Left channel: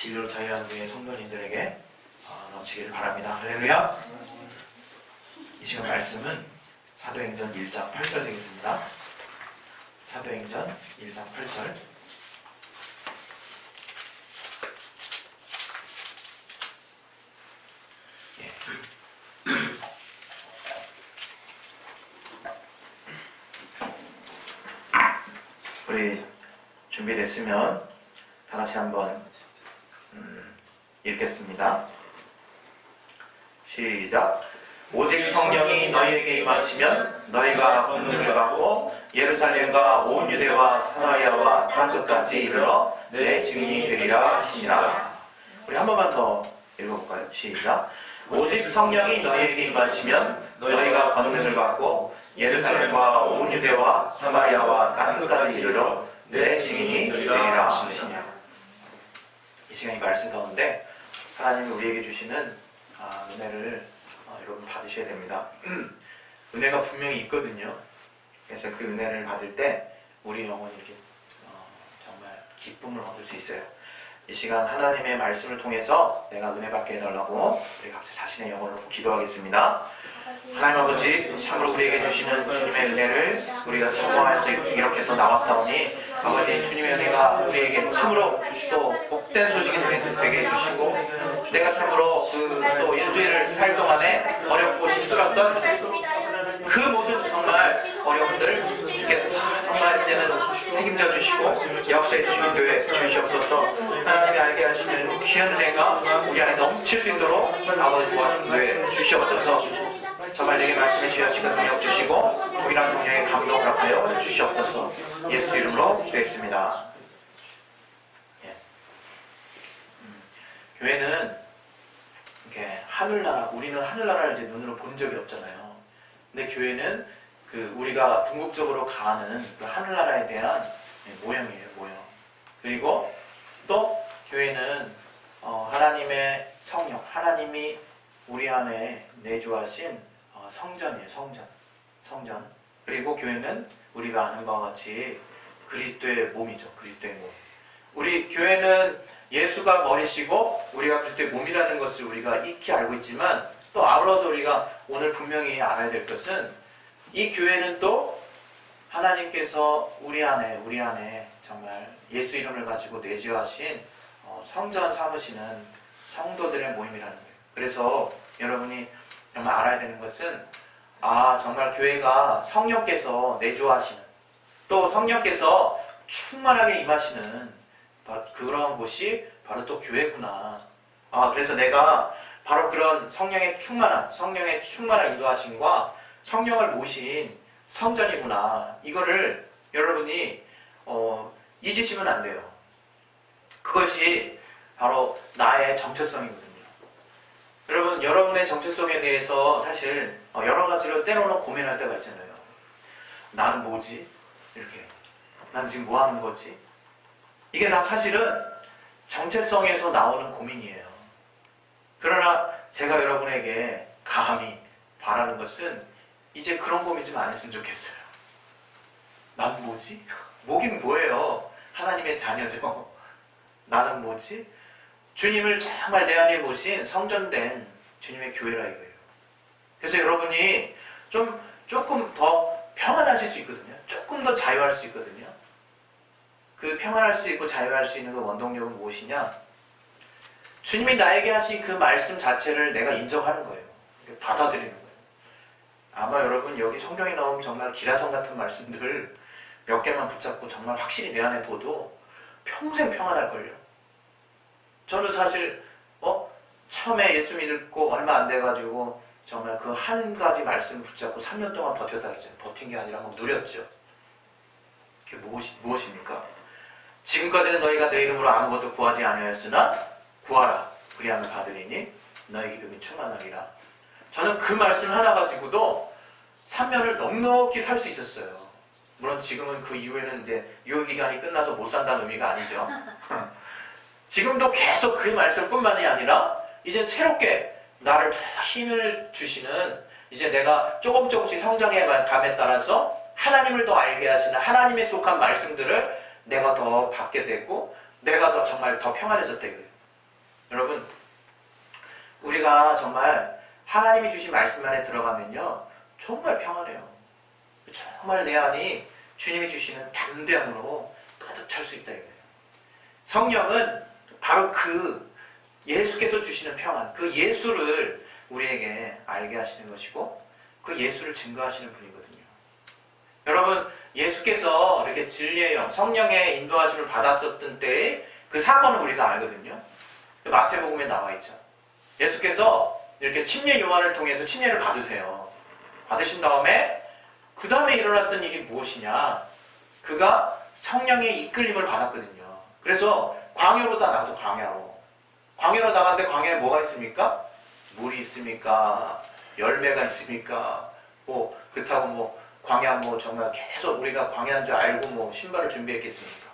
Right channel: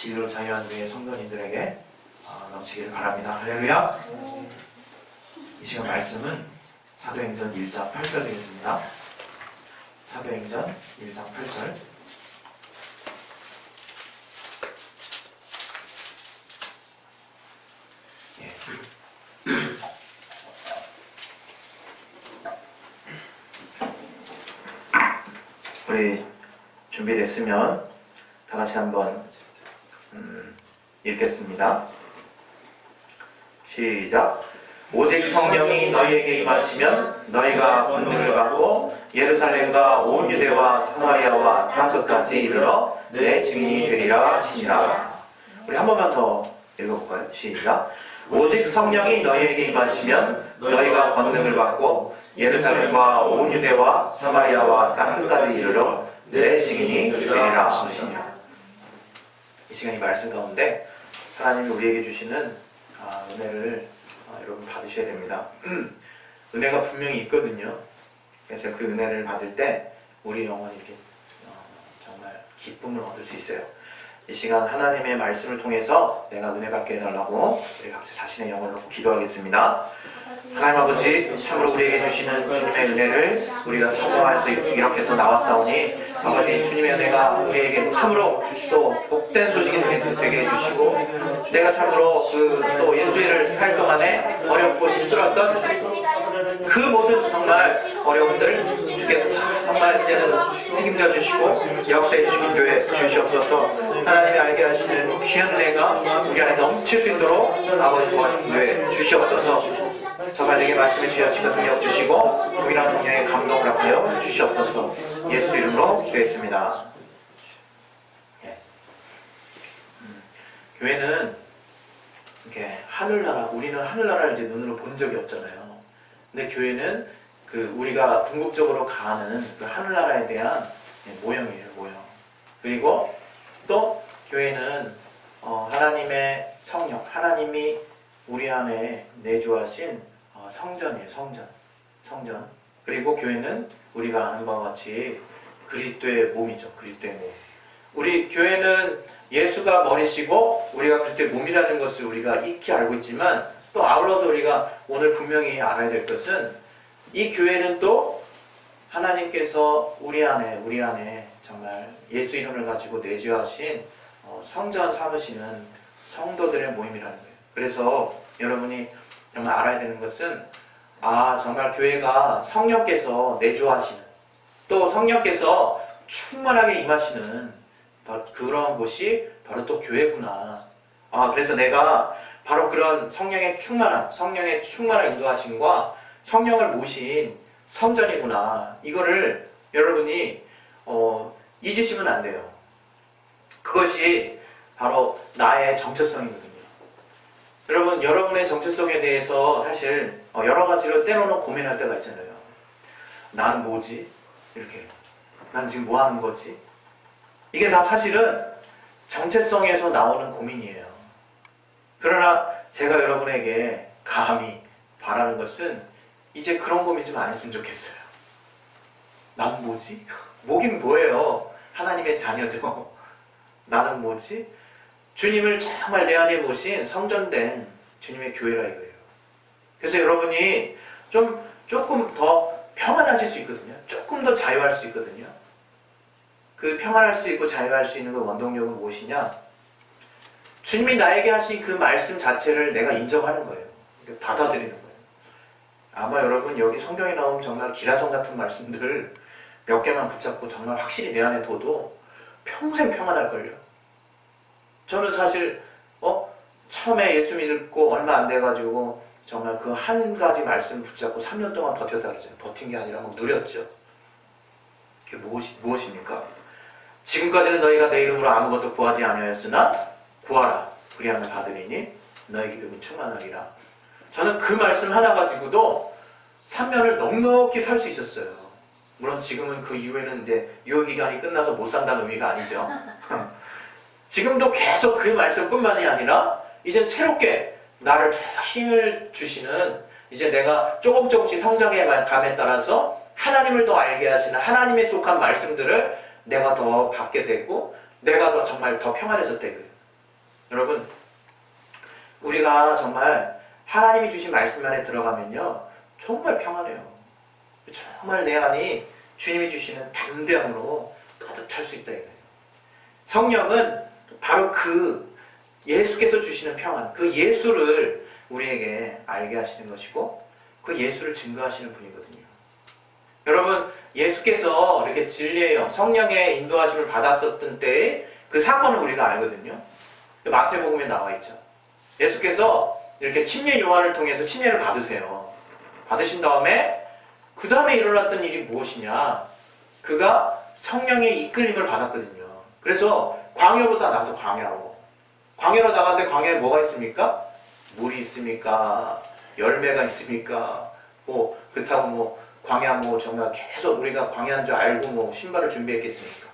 진리로 자유한 우리의 성도님들에게 넘치기를 바랍니다. 할렐루야. 이 시간 말씀은 사도행전 1장 8절 되겠습니다. 사도행전 1장 8절. 우리 준비됐으면 다 같이 한번 읽겠습니다. 시작. 오직 성령이 너희에게 임하시면 너희가 권능을 받고 예루살렘과 온 유대와 사마리아와 땅끝까지 이르러 내 증인이 되리라 하시니라. 우리 한 번만 더 읽어볼까요? 시작. 오직 성령이 너희에게 임하시면 너희가 권능을 받고 예루살렘과 온 유대와 사마리아와 땅끝까지 이르러 내 증인이 되리라 하시니라. 이 시간 이 말씀 가운데 하나님이 우리에게 주시는 은혜를 여러분 받으셔야 됩니다. 은혜가 분명히 있거든요. 그래서 그 은혜를 받을 때 우리 영혼이 이렇게 정말 기쁨을 얻을 수 있어요. 이 시간 하나님의 말씀을 통해서 내가 은혜 받게 해달라고 우리 각자 자신의 영혼을 놓고 기도하겠습니다. 하나님 아버지, 참으로 우리에게 주시는 주님의 은혜를 우리가 사모할 수 있도록 이렇게 해서 나왔사오니 아버지, 주님의 은혜가 우리에게 참으로 또 복된 소식이 되게 해주시고, 내가 참으로 또 일주일을 살 동안에 어렵고 힘들었던 그 모든 정말 어려움들 주께서 다 정말 이제는 책임져 주시고 역사해 주신 교회 주시옵소서. 하나님이 알게 하시는 귀한 은혜가 우리 안에 넘칠 수 있도록 아버지 도와주신 교회 주시옵소서. 정말 내게 말씀해 주시는 능력 주시고 동일한 성령의 감동을 하여 주시옵소서. 예수 이름으로 기도했습니다. 교회는 이렇게 하늘나라, 우리는 하늘나라를 이제 눈으로 본 적이 없잖아요. 근데 교회는 우리가 궁극적으로 가는 그 하늘나라에 대한 모형이에요, 모형. 그리고 또 교회는 하나님의 성령, 하나님이 우리 안에 내주하신 성전이에요, 성전. 그리고 교회는 우리가 아는 바와 같이 그리스도의 몸이죠, 그리스도의 몸. 우리 교회는 예수가 머리시고 우리가 그리스도의 몸이라는 것을 우리가 익히 알고 있지만, 또 아울러서 우리가 오늘 분명히 알아야 될 것은 이 교회는 또 하나님께서 우리 안에 정말 예수 이름을 가지고 내주하신 성전 삼으시는 성도들의 모임이라는 거예요. 그래서 여러분이 정말 알아야 되는 것은 정말 교회가 성령께서 내주하시는, 또 성령께서 충만하게 임하시는 그런 곳이 바로 또 교회구나. 그래서 내가 바로 그런 성령의 충만한 인도하심과 성령을 모신 성전이구나. 이거를 여러분이 잊으시면 안 돼요. 그것이 바로 나의 정체성이거든요. 여러분, 여러분의 정체성에 대해서 사실 여러 가지로 때로는 고민할 때가 있잖아요. 나는 뭐지? 이렇게. 난 지금 뭐 하는 거지? 이게 다 사실은 정체성에서 나오는 고민이에요. 그러나 제가 여러분에게 감히 바라는 것은 이제 그런 고민 좀 안 했으면 좋겠어요. 난 뭐지? 뭐긴 뭐예요? 하나님의 자녀죠. 나는 뭐지? 주님을 정말 내 안에 모신 성전된 주님의 교회라 이거예요. 그래서 여러분이 조금 더 평안하실 수 있거든요. 조금 더 자유할 수 있거든요. 그 평안할 수 있고 자유할 수 있는 그 원동력은 무엇이냐? 주님이 나에게 하신 그 말씀 자체를 내가 인정하는 거예요. 받아들이는 거예요. 아마 여러분 여기 성경에 나오는 정말 기라성 같은 말씀들 몇 개만 붙잡고 정말 확실히 내 안에 둬도 평생 평안할걸요. 저는 사실 처음에 예수 믿고 얼마 안 돼가지고 정말 그 한 가지 말씀 붙잡고 3년 동안 버텼다 그러잖아요. 버틴 게 아니라 막 누렸죠. 그게 무엇입니까? 지금까지는 너희가 내 이름으로 아무것도 구하지 아니하였으나 구하라 그리하면 받으리니 너희 기쁨이 충만하리라. 저는 그 말씀 하나 가지고도 3년을 넉넉히 살 수 있었어요. 물론 지금은 그 이후에는 이제 유효기간이 끝나서 못 산다는 의미가 아니죠. 지금도 계속 그 말씀뿐만이 아니라 이제 새롭게 나를 더 힘을 주시는, 이제 내가 조금씩 성장해 감에 따라서 하나님을 더 알게 하시는 하나님에 속한 말씀들을 내가 더 받게 되고 내가 더 정말 더 평안해졌다 이거예요. 여러분, 우리가 정말 하나님이 주신 말씀 안에 들어가면요, 정말 평안해요. 정말 내 안이 주님이 주시는 담대함으로 가득 찰 수 있다 이거예요. 성령은 바로 그 예수께서 주시는 평안, 그 예수를 우리에게 알게 하시는 것이고 그 예수를 증거하시는 분이거든요. 여러분, 예수께서 이렇게 진리의 영, 성령의 인도하심을 받았었던 때의 그 사건을 우리가 알거든요. 마태복음에 나와 있죠. 예수께서 이렇게 침례 요한을 통해서 침례를 받으세요. 받으신 다음에 그 다음에 일어났던 일이 무엇이냐? 그가 성령의 이끌림을 받았거든요. 그래서 광야로 다 나가서 광야로 나갔는데 광야에 뭐가 있습니까? 물이 있습니까? 열매가 있습니까? 뭐 그렇다고 뭐 광야 뭐 정말 계속 우리가 광야인 줄 알고 뭐 신발을 준비했겠습니까?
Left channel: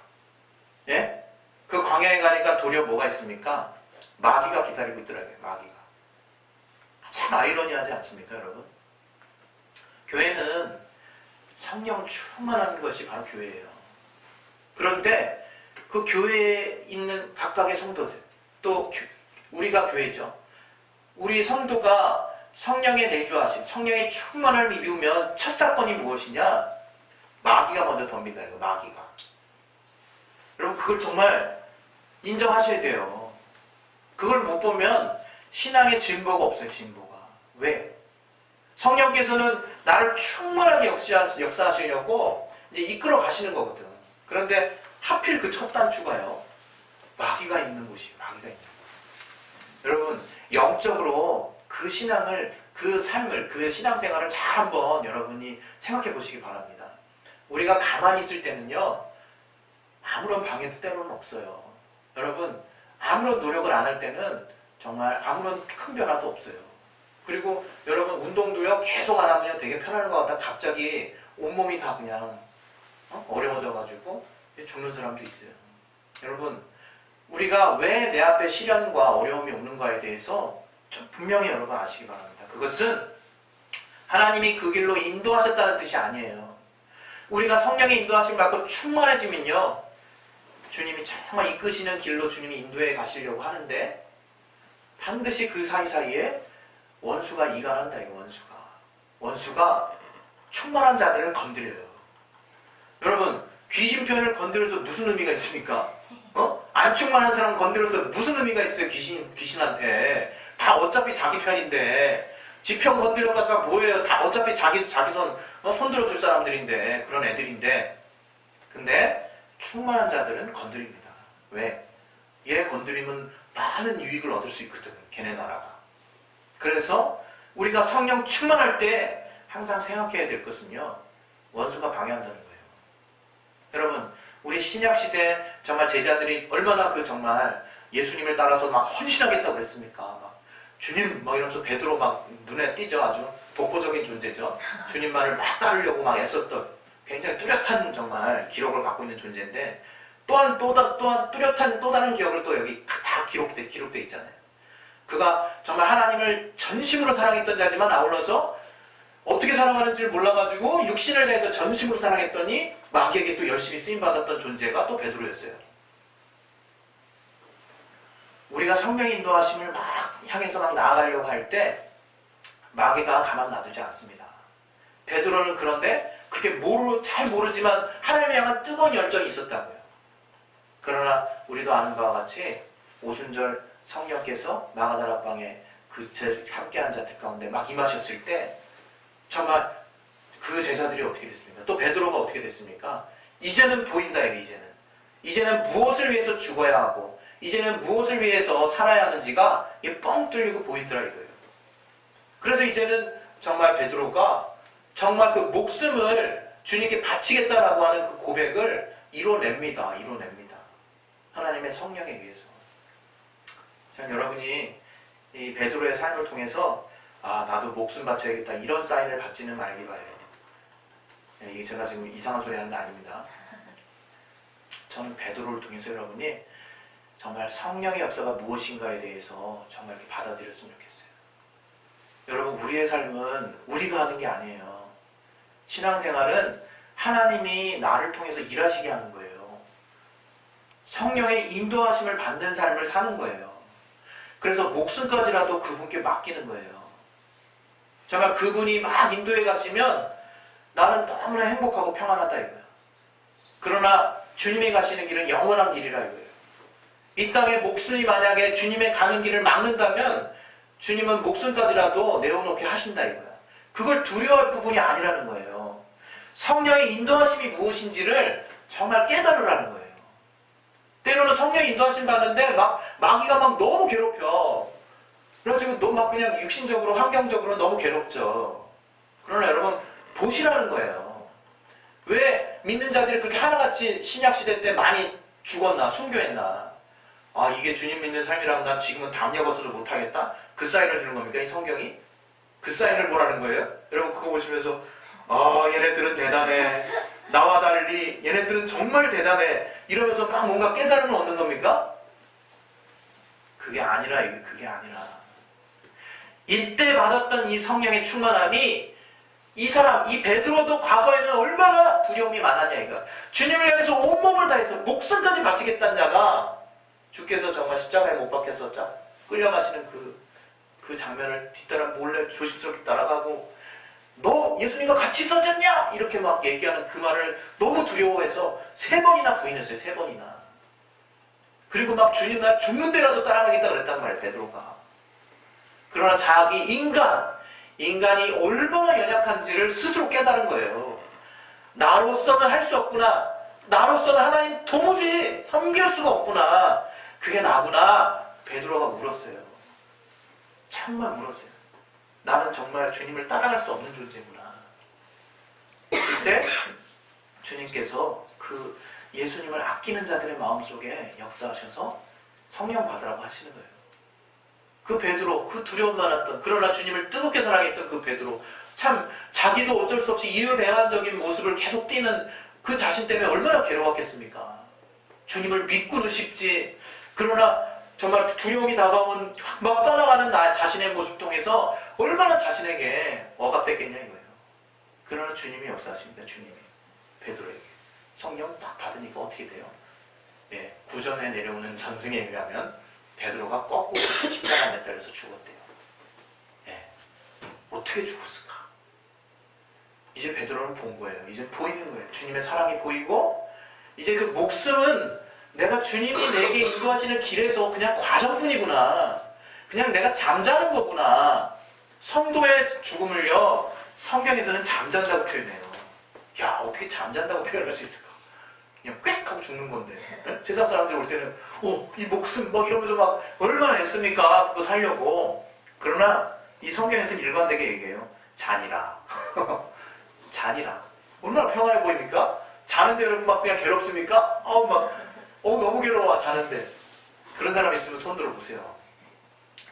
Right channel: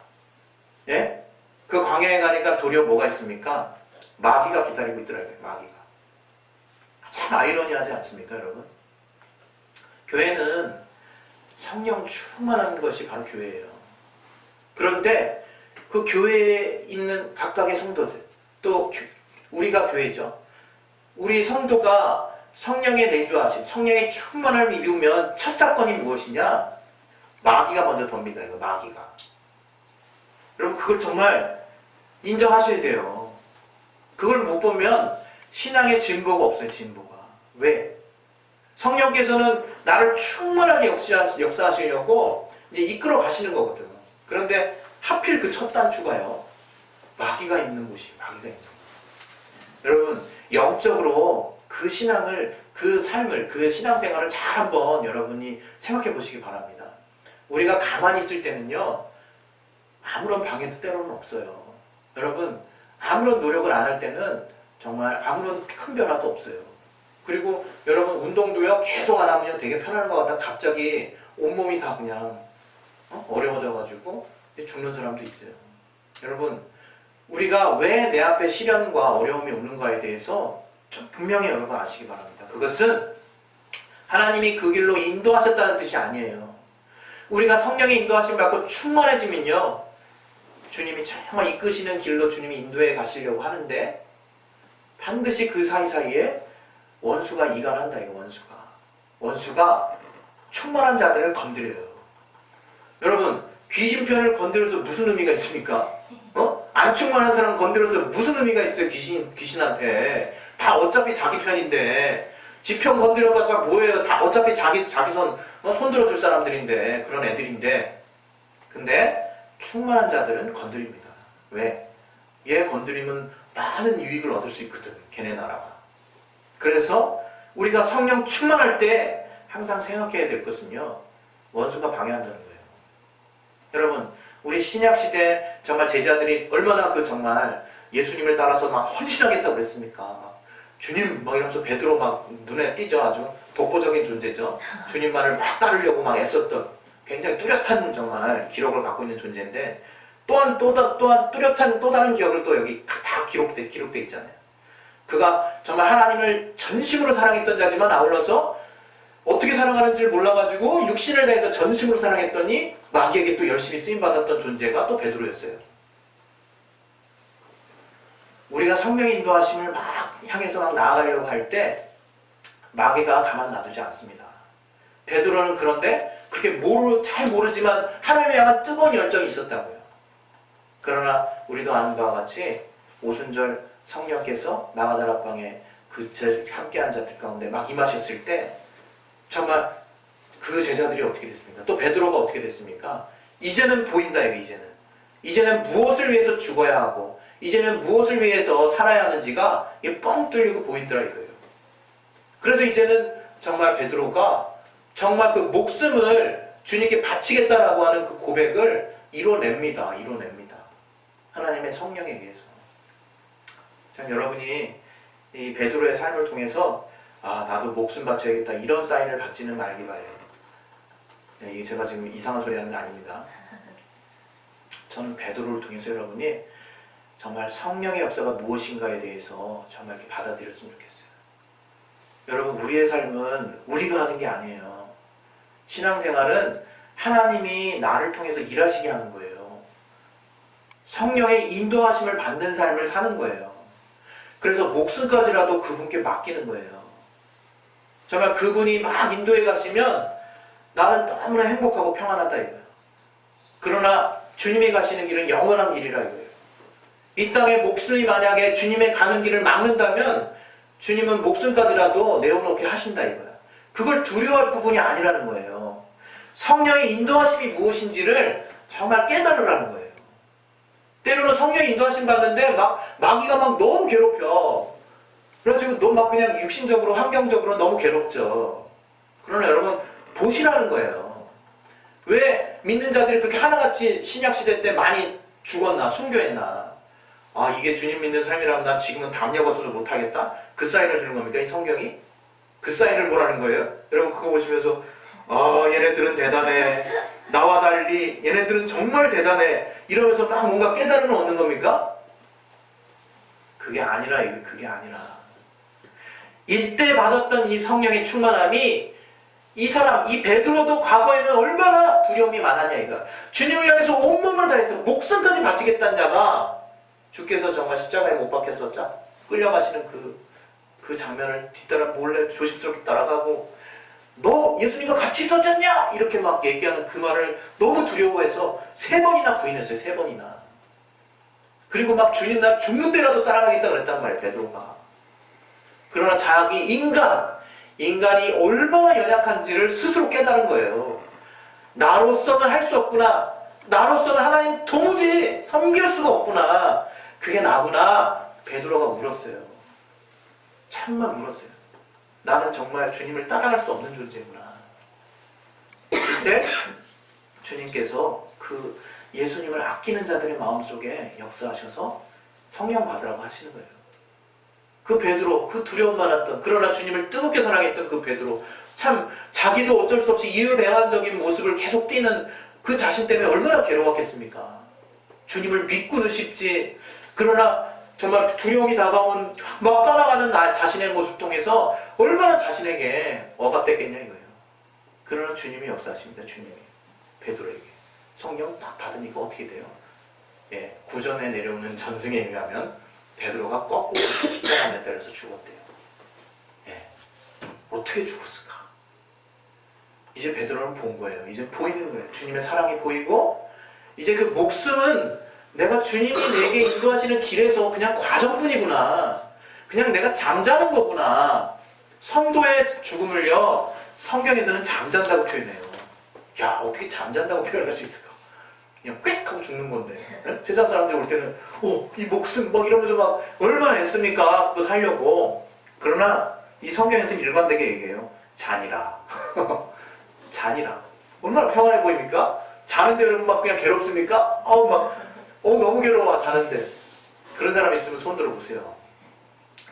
예? 그 광야에 가니까 도리어 뭐가 있습니까? 마귀가 기다리고 있더라고요. 마귀가. 참 아이러니하지 않습니까, 여러분? 교회는 성령 충만한 것이 바로 교회예요. 그런데 그 교회에 있는 각각의 성도들, 또 우리가 교회죠. 우리 성도가 성령의 내주하심, 성령의 충만함을 입으면 첫 사건이 무엇이냐? 마귀가 먼저 덤빈다 이거, 마귀가. 여러분, 그걸 정말 인정하셔야 돼요. 그걸 못 보면 신앙의 진보가 없어요, 진보가. 왜? 성령께서는 나를 충만하게 역사하시려고 이제 이끌어 가시는 거거든. 그런데 하필 그 첫 단추가요, 마귀가 있는 곳이에요. 마귀가 있는 곳. 여러분, 영적으로 그 신앙을, 그 삶을, 그 신앙생활을 잘 한번 여러분이 생각해 보시기 바랍니다. 우리가 가만히 있을 때는요, 아무런 방해도 때로는 없어요. 여러분, 아무런 노력을 안 할 때는 정말 아무런 큰 변화도 없어요. 그리고 여러분, 운동도요, 계속 안 하면 되게 편할 것 같다 갑자기 온몸이 다 그냥 어려워져가지고 죽는 사람도 있어요. 여러분, 우리가 왜 내 앞에 시련과 어려움이 오는가에 대해서 좀 분명히 여러분 아시기 바랍니다. 그것은 하나님이 그 길로 인도하셨다는 뜻이 아니에요. 우리가 성령의 인도하심 받고 충만해지면요, 주님이 정말 이끄시는 길로 주님이 인도해 가시려고 하는데 반드시 그 사이사이에 원수가 이간한다 이거, 원수가 충만한 자들을 건드려요. 여러분, 귀신편을 건드려서 무슨 의미가 있습니까? 안 충만한 사람 건드려서 무슨 의미가 있어요? 귀신한테. 다 어차피 자기 편인데, 지 편 건드려봤자 뭐예요? 다 어차피 자기 손 들어줄 사람들인데, 그런 애들인데. 근데 충만한 자들은 건드립니다. 왜? 얘 건드리면 많은 유익을 얻을 수 있거든, 걔네 나라가. 그래서 우리가 성령 충만할 때 항상 생각해야 될 것은요, 원수가 방해한다는 거예요. 여러분, 우리 신약시대 정말 제자들이 얼마나 정말 예수님을 따라서 막 헌신하겠다고 그랬습니까? 막 주님 막 이러면서 베드로 막 눈에 띄죠. 아주 독보적인 존재죠. 주님만을 막 따르려고 막 애썼던 굉장히 뚜렷한 정말 기록을 갖고 있는 존재인데, 또한 뚜렷한 또 다른 기억을 또 여기 다 기록돼 있잖아요. 그가 정말 하나님을 전심으로 사랑했던 자지만 아울러서 어떻게 사랑하는지를 몰라가지고 육신을 다해서 전심으로 사랑했더니 마귀에게 또 열심히 쓰임받았던 존재가 또 베드로였어요. 우리가 성령의 인도하심을 막 향해서 막 나아가려고 할 때 마귀가 가만 놔두지 않습니다. 베드로는 그런데 그렇게 잘 모르지만 하나님을 향한 뜨거운 열정이 있었다고요. 그러나 우리도 아는 바와 같이 오순절 성령께서 마가다락방에 함께한 자들 가운데 막 임하셨을 때 정말 그 제자들이 어떻게 됐습니까? 또 베드로가 어떻게 됐습니까? 이제는 보인다, 이제는 무엇을 위해서 죽어야 하고 이제는 무엇을 위해서 살아야 하는지가 뻥 뚫리고 보이더라 이거예요. 그래서 이제는 정말 베드로가 정말 그 목숨을 주님께 바치겠다라고 하는 그 고백을 이뤄냅니다. 하나님의 성령에 의해서. 참 여러분이 이 베드로의 삶을 통해서 나도 목숨 바쳐야겠다 이런 사인을 받지는 말기 바래요. 이게 제가 지금 이상한 소리 하는 게 아닙니다. 저는 베드로를 통해서 여러분이 정말 성령의 역사가 무엇인가에 대해서 정말 이렇게 받아들였으면 좋겠어요. 여러분, 우리의 삶은 우리가 하는 게 아니에요. 신앙생활은 하나님이 나를 통해서 일하시게 하는 거예요. 성령의 인도하심을 받는 삶을 사는 거예요. 그래서 목숨까지라도 그분께 맡기는 거예요. 정말 그분이 막 인도에 가시면 나는 너무나 행복하고 평안하다 이거예요. 그러나 주님이 가시는 길은 영원한 길이라 이거예요. 이 땅에 목숨이 만약에 주님의 가는 길을 막는다면 주님은 목숨까지라도 내어놓게 하신다 이거예요. 그걸 두려워할 부분이 아니라는 거예요. 성령의 인도하심이 무엇인지를 정말 깨달으라는 거예요. 때로는 성령의 인도하심 받는데 마귀가 막 너무 괴롭혀. 그래가지고 너무 막 그냥 육신적으로 환경적으로 너무 괴롭죠. 그러나 여러분 보시라는 거예요. 왜 믿는 자들이 그렇게 하나같이 신약시대 때 많이 죽었나 순교했나. 아 이게 주님 믿는 삶이라면 난 지금은 담력없어도 못하겠다. 그 사인을 주는 겁니까 이 성경이? 그 사인을 뭐라는 거예요? 여러분 그거 보시면서 아 얘네들은 대단해. 나와 달리 얘네들은 정말 대단해. 이러면서 막 뭔가 깨달음을 얻는 겁니까? 그게 아니라 이게 그게 아니라 이때 받았던 이 성령의 충만함이 이 사람, 이 베드로도 과거에는 얼마나 두려움이 많았냐 이거. 주님을 향해서 온몸을 다해서 목숨까지 바치겠다는 자가 주께서 정말 십자가에 못 박혀서 끌려가시는 그 장면을 뒤따라 몰래 조심스럽게 따라가고 너 예수님과 같이 있었잖냐? 이렇게 막 얘기하는 그 말을 너무 두려워해서 3번이나 부인했어요. 3번이나. 그리고 막 주님 나 죽는 데라도 따라가겠다 그랬단 말이에요. 베드로가. 그러나 자기 인간이 얼마나 연약한지를 스스로 깨달은 거예요. 나로서는 할 수 없구나. 나로서는 하나님 도무지 섬길 수가 없구나. 그게 나구나. 베드로가 울었어요. 참만 울었어요. 나는 정말 주님을 따라갈 수 없는 존재구나. 그때 주님께서 그 예수님을 아끼는 자들의 마음속에 역사하셔서 성령 받으라고 하시는 거예요. 그 베드로, 그 두려움 많았던 그러나 주님을 뜨겁게 사랑했던 그 베드로 참 자기도 어쩔 수 없이 이유배반적인 모습을 계속 띠는 그 자신 때문에 얼마나 괴로웠겠습니까? 주님을 믿고는 싶지 그러나 정말 두려움이 다가오면 막 떠나가는 나 자신의 모습 통해서 얼마나 자신에게 억압됐겠냐 이거예요. 그러나 주님이 역사하십니다. 주님이 베드로에게 성령 딱 받으니까 어떻게 돼요? 예, 구전에 내려오는 전승에 의하면 베드로가 거꾸로 십자가 에 달려서 죽었대요. 예, 어떻게 죽었을까? 이제 베드로는 본 거예요. 이제 보이는 거예요. 주님의 사랑이 보이고 이제 그 목숨은 내가 주님이 내게 인도하시는 길에서 그냥 과정뿐이구나. 그냥 내가 잠자는 거구나. 성도의 죽음을요 성경에서는 잠잔다고 표현해요. 야 어떻게 잠잔다고 표현할 수 있을까? 그냥 꽥 하고 죽는 건데 세상 사람들이 올 때는 이 목숨 막 이러면서 막 얼마나 애씁니까 그거 살려고. 그러나 이 성경에서는 일관되게 얘기해요. 잔이라. 잔이라. 얼마나 평안해 보입니까? 자는데 여러분 막 그냥 괴롭습니까? 너무 괴로워 자는데. 그런 사람 있으면 손 들어보세요.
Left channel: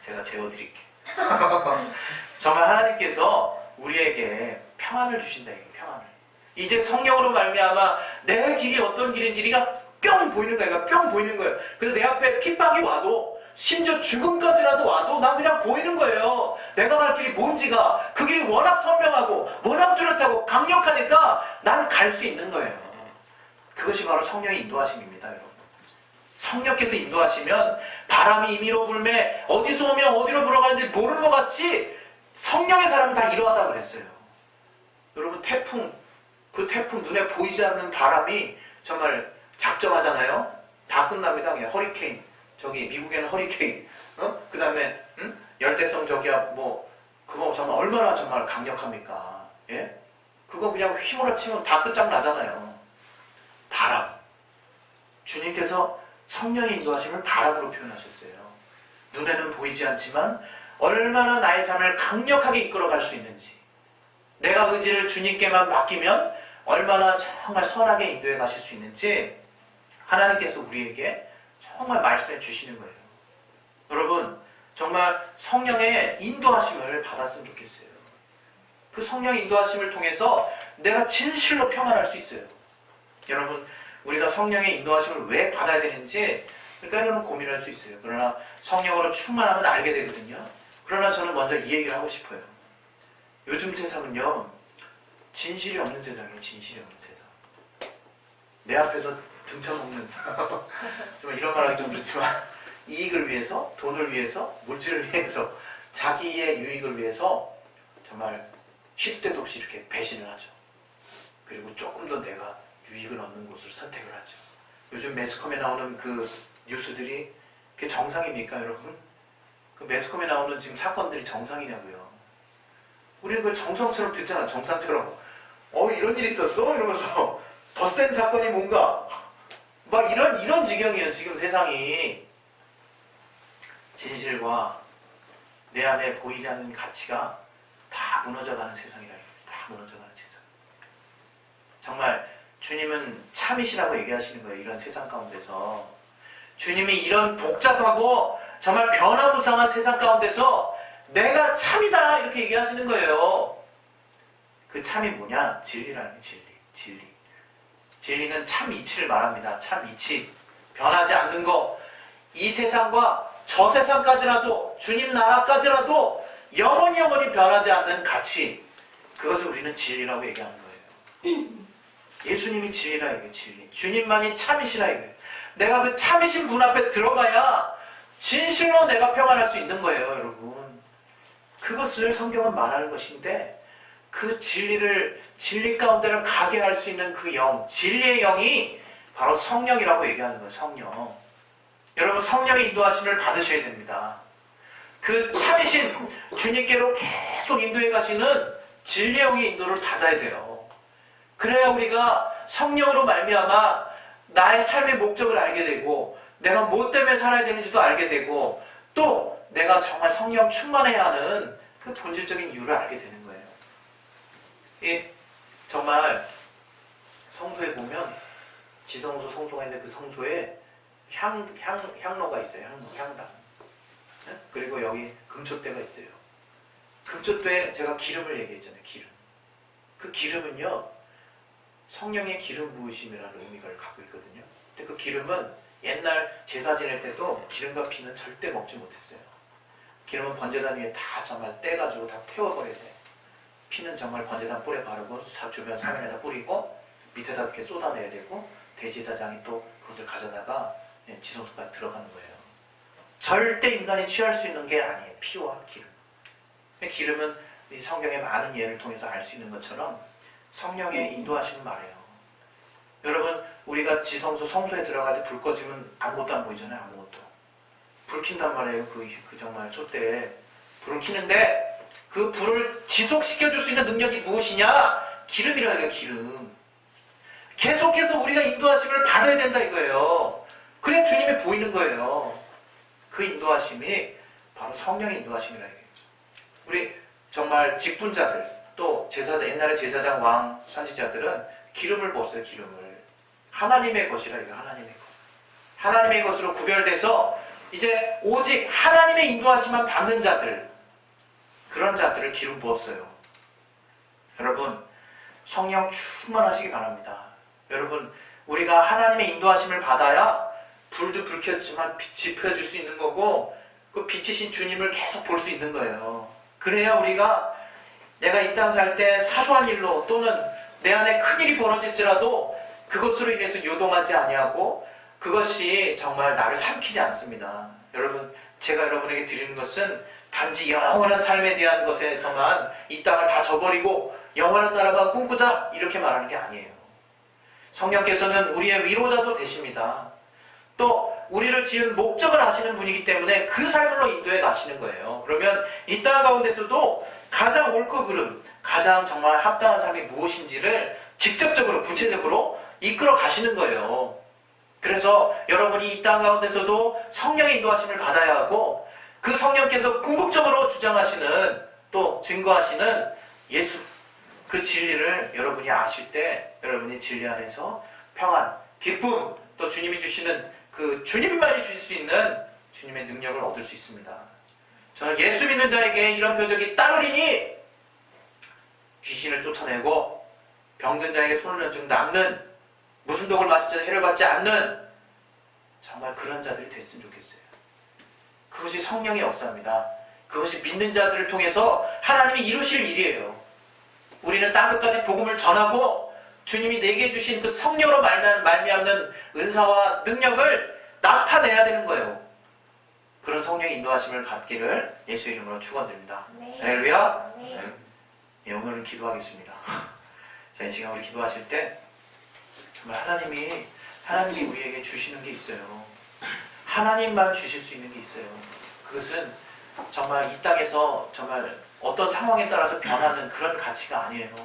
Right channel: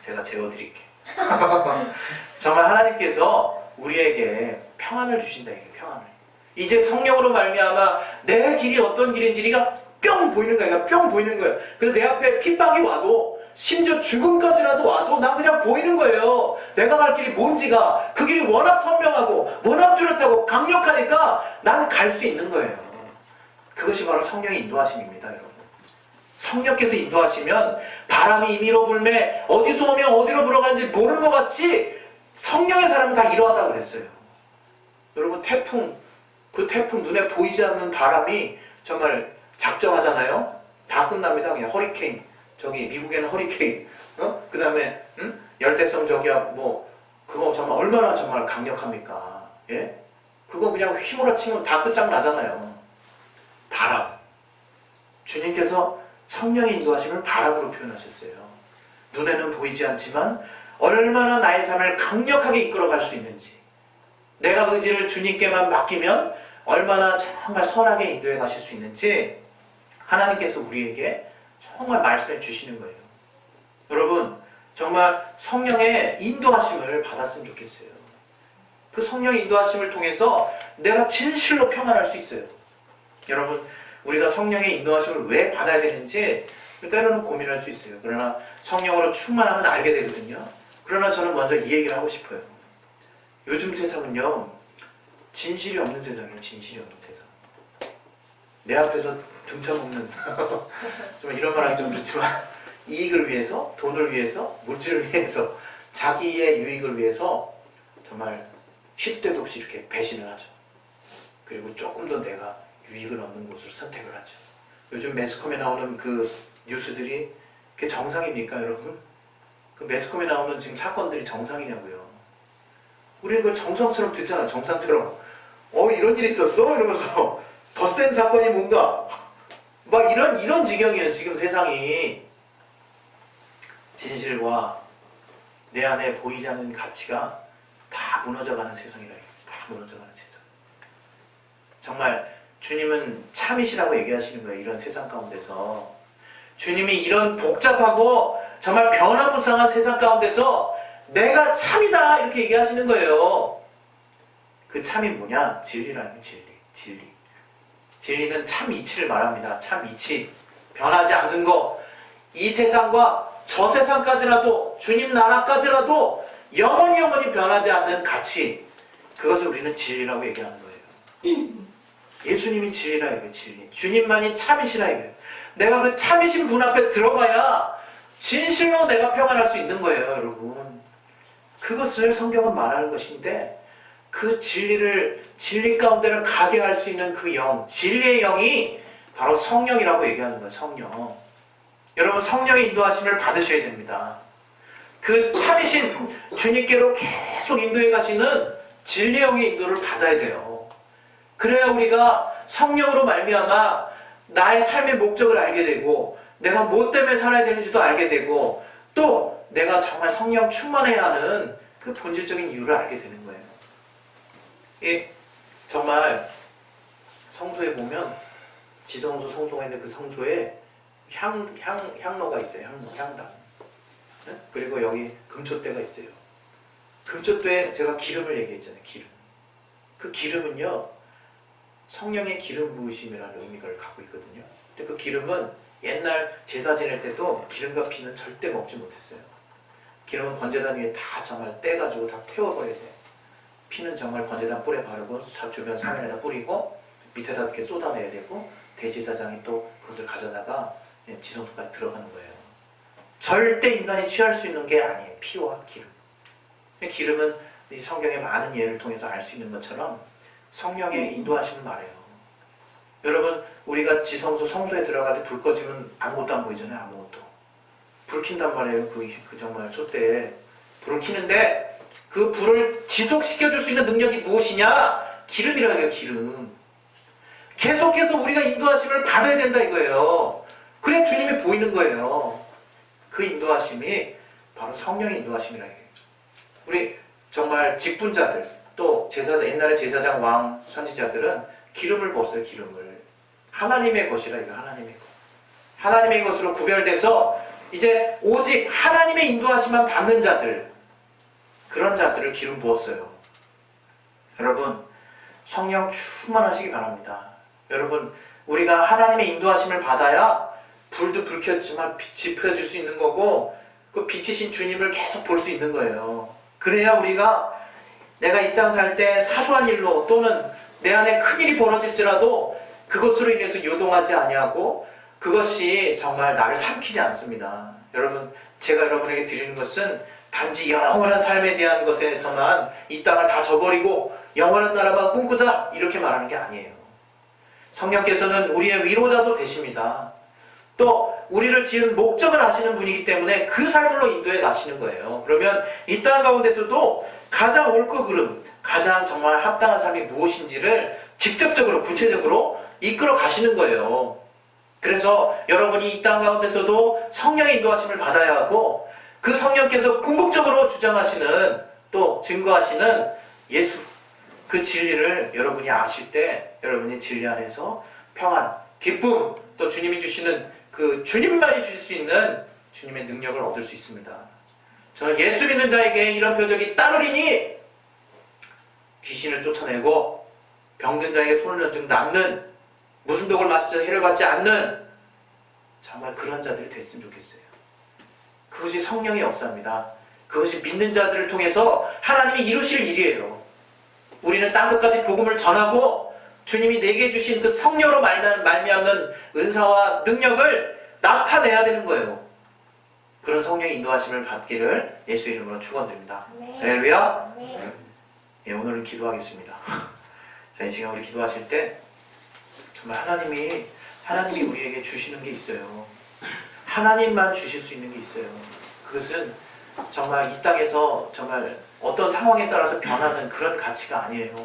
제가 재워드릴게. 정말 하나님께서 우리에게 평안을 주신다. 이게 평안을. 이제 성령으로 말미암아 내 길이 어떤 길인지 네가 뿅 보이는 거야. 뿅 보이는 거예요. 그래서 내 앞에 핍박이 와도 심지어 죽음까지라도 와도 난 그냥 보이는 거예요. 내가 갈 길이 뭔지가. 그 길이 워낙 선명하고 워낙 뚜렷하고 강력하니까 난 갈 수 있는 거예요. 그것이 바로 성령의 인도하심입니다. 여러분. 성령께서 인도하시면 바람이 임의로 불매 어디서 오면 어디로 불어가는지 모르는 것 같이 성령의 사람은 다 이러하다고 그랬어요. 여러분 그 태풍 눈에 보이지 않는 바람이 정말 작정하잖아요. 다 끝납니다. 그냥 허리케인 저기 미국에는 허리케인 그 다음에 열대성 그거 정말 얼마나 정말 강력합니까? 예? 그거 그냥 휘몰아치면 다 끝장나잖아요. 바람. 주님께서 성령의 인도하심을 바람으로 표현하셨어요. 눈에는 보이지 않지만 얼마나 나의 삶을 강력하게 이끌어갈 수 있는지, 내가 의지를 주님께만 맡기면 얼마나 정말 선하게 인도해 가실 수 있는지 하나님께서 우리에게 정말 말씀해 주시는 거예요. 여러분 정말 성령의 인도하심을 받았으면 좋겠어요. 그 성령의 인도하심을 통해서 내가 진실로 평안할 수 있어요. 여러분 우리가 성령의 인도하심을 왜 받아야 되는지 때로는 고민할 수 있어요. 그러나 성령으로 충만하면 알게 되거든요. 그러나 저는 먼저 이 얘기를 하고 싶어요. 요즘 세상은요 진실이 없는 세상이에요. 진실이 없는 세상. 내 앞에서 등쳐먹는 정말 이런 말하기 좀 그렇지만 이익을 위해서, 돈을 위해서, 물질을 위해서, 자기의 유익을 위해서 정말 시도 때도 없이 이렇게 배신을 하죠. 그리고 조금 더 내가 유익을 얻는 곳을 선택을 하죠. 요즘 매스컴에 나오는 그 뉴스들이 그게 정상입니까, 여러분? 그 매스컴에 나오는 지금 사건들이 정상이냐고요. 우리는 그걸 정상처럼 듣잖아, 정상처럼. 이런 일이 있었어? 이러면서 더 센 사건이 뭔가 막 이런 지경이에요, 지금 세상이. 진실과 내 안에 보이지 않는 가치가 다 무너져가는 세상이라 해요. 다 무너져가는 세상. 정말 주님은 참이시라고 얘기하시는 거예요, 이런 세상 가운데서. 주님이 이런 복잡하고 정말 변화무쌍한 세상 가운데서 내가 참이다 이렇게 얘기하시는 거예요. 그 참이 뭐냐? 진리라는 게 진리. 진리는 참 이치를 말합니다. 참 이치. 변하지 않는 거. 이 세상과 저 세상까지라도, 주님 나라까지라도 영원히 변하지 않는 가치. 그것을 우리는 진리라고 얘기하는 거예요. 예수님이 진리라 얘기해요. 진리. 주님만이 참이시라 얘기해요. 내가 그 참이신 분 앞에 들어가야 진실로 내가 평안할 수 있는 거예요, 여러분. 그것을 성경은 말하는 것인데, 그 진리 가운데를 가게 할 수 있는 그 영, 진리의 영이 바로 성령이라고 얘기하는 거예요, 성령. 여러분, 성령의 인도하심을 받으셔야 됩니다. 그 참이신 주님께로 계속 인도해 가시는 진리의 영의 인도를 받아야 돼요. 그래야 우리가 성령으로 말미암아 나의 삶의 목적을 알게 되고, 내가 뭐 때문에 살아야 되는지도 알게 되고, 또 내가 정말 성령 충만해야 하는 그 본질적인 이유를 알게 되는 거예요. 정말 성소에 보면 지성소, 성소가 있는데 그 성소에 향로가 있어요. 향당. 그리고 여기 금촛대가 있어요. 금촛대에 제가 기름을 얘기했잖아요. 기름. 그 기름은요, 성령의 기름 부으심이라는 의미를 갖고 있거든요. 근데 그 기름은 옛날 제사 지낼 때도 기름과 피는 절대 먹지 못했어요. 기름은 번제단 위에 다 정말 떼가지고 다 태워버려야 돼요. 피는 정말 번제단 뿔에 바르고 주변 사면에다 뿌리고 밑에다 이렇게 쏟아내야 되고, 대제사장이 또 그것을 가져다가 지성소까지 들어가는 거예요. 절대 인간이 취할 수 있는 게 아니에요. 피와 기름. 기름은 이 성경의 많은 예를 통해서 알 수 있는 것처럼 성령의 인도하심을 말해요. 여러분, 우리가 지성소, 성소에 들어갈 때 불 꺼지면 아무것도 안 보이잖아요. 아무것도. 불 킨단 말이에요. 그 정말 촛대에 불을 켜는데, 그 불을 지속시켜줄 수 있는 능력이 무엇이냐? 기름이라는 거예요. 기름. 계속해서 우리가 인도하심을 받아야 된다 이거예요. 그래야 주님이 보이는 거예요. 그 인도하심이 바로 성령의 인도하심이라는 거예요. 우리 정말 직분자들, 또 옛날에 제사장, 왕, 선지자들은 기름을 부었어요. 기름을. 하나님의 것이라 이거, 하나님의 것. 하나님의 것으로 구별돼서 이제 오직 하나님의 인도하심만 받는 자들, 그런 자들을 기름 부었어요. 여러분, 성령 충만하시기 바랍니다. 여러분, 우리가 하나님의 인도하심을 받아야 불도 불 켰지만 빛이 펴질 수 있는 거고, 그 빛이신 주님을 계속 볼 수 있는 거예요. 그래야 우리가 내가 이 땅 살 때 사소한 일로 또는 내 안에 큰일이 벌어질지라도 그것으로 인해서 요동하지 아니하고, 그것이 정말 나를 삼키지 않습니다. 여러분, 제가 여러분에게 드리는 것은 단지 영원한 삶에 대한 것에서만 이 땅을 다 저버리고 영원한 나라만 꿈꾸자 이렇게 말하는 게 아니에요. 성령께서는 우리의 위로자도 되십니다. 또 우리를 지은 목적을 아시는 분이기 때문에 그 삶으로 인도해 가시는 거예요. 그러면 이 땅 가운데서도 가장 옳고 그름, 가장 정말 합당한 삶이 무엇인지를 직접적으로 구체적으로 이끌어 가시는 거예요. 그래서 여러분이 이 땅 가운데서도 성령의 인도하심을 받아야 하고, 그 성령께서 궁극적으로 주장하시는, 또 증거하시는 예수, 그 진리를 여러분이 아실 때 여러분이 진리 안에서 평안, 기쁨, 또 주님이 주시는 그 주님만이 주실 수 있는 주님의 능력을 얻을 수 있습니다. 저는 예수 믿는 자에게 이런 표적이 따르리니 귀신을 쫓아내고 병든 자에게 손을 얹은 낫는, 무슨 독을 마시자 해를 받지 않는, 정말 그런 자들이 됐으면 좋겠어요. 그것이 성령의 역사입니다. 그것이 믿는 자들을 통해서 하나님이 이루실 일이에요. 우리는 땅끝까지 복음을 전하고 주님이 내게 주신 그 성령으로 말미암는 은사와 능력을 나타내야 되는 거예요. 그런 성령의 인도하심을 받기를 예수 이름으로 축원드립니다. 네. 할렐루야. 네. 예, 오늘은 기도하겠습니다. 자, 이 시간 우리 기도하실 때 정말 하나님이 우리에게 주시는 게 있어요. 하나님만 주실 수 있는 게 있어요. 그것은 정말 이 땅에서 정말 어떤 상황에 따라서 변하는 그런 가치가 아니에요.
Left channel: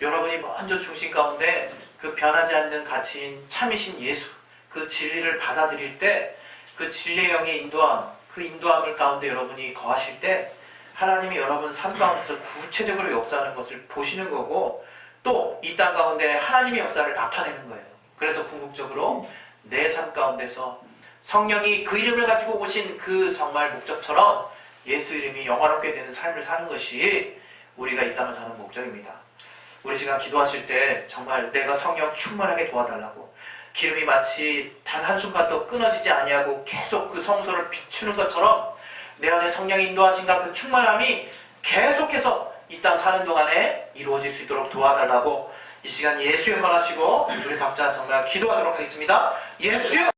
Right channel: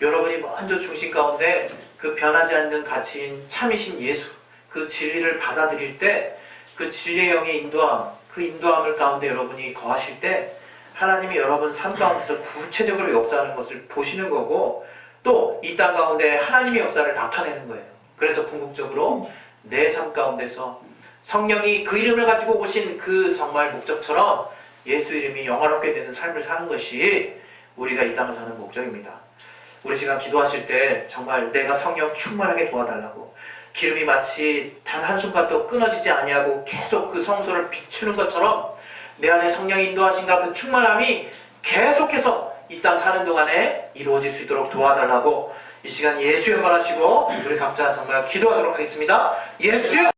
여러분이 먼저 중심 가운데 그 변하지 않는 가치인 참이신 예수, 그 진리를 받아들일 때 그 진리의 영의 인도함, 그 인도함을 가운데 여러분이 거하실 때 하나님이 여러분 삶 가운데서 구체적으로 역사하는 것을 보시는 거고 또 이 땅 가운데 하나님의 역사를 나타내는 거예요. 그래서 궁극적으로 내 삶 가운데서 성령이 그 이름을 가지고 오신 그 정말 목적처럼 예수 이름이 영화롭게 되는 삶을 사는 것이 우리가 이 땅을 사는 목적입니다. 우리 시간 기도하실 때 정말 내가 성령 충만하게 도와달라고 기름이 마치 단 한순간도 끊어지지 아니하고 계속 그 성소를 비추는 것처럼 내 안에 성령의 인도하심과 그 충만함이 계속해서 이 땅 사는 동안에 이루어질 수 있도록 도와달라고 이 시간 예수 영원하시고 우리 각자 정말 기도하도록 하겠습니다. 예수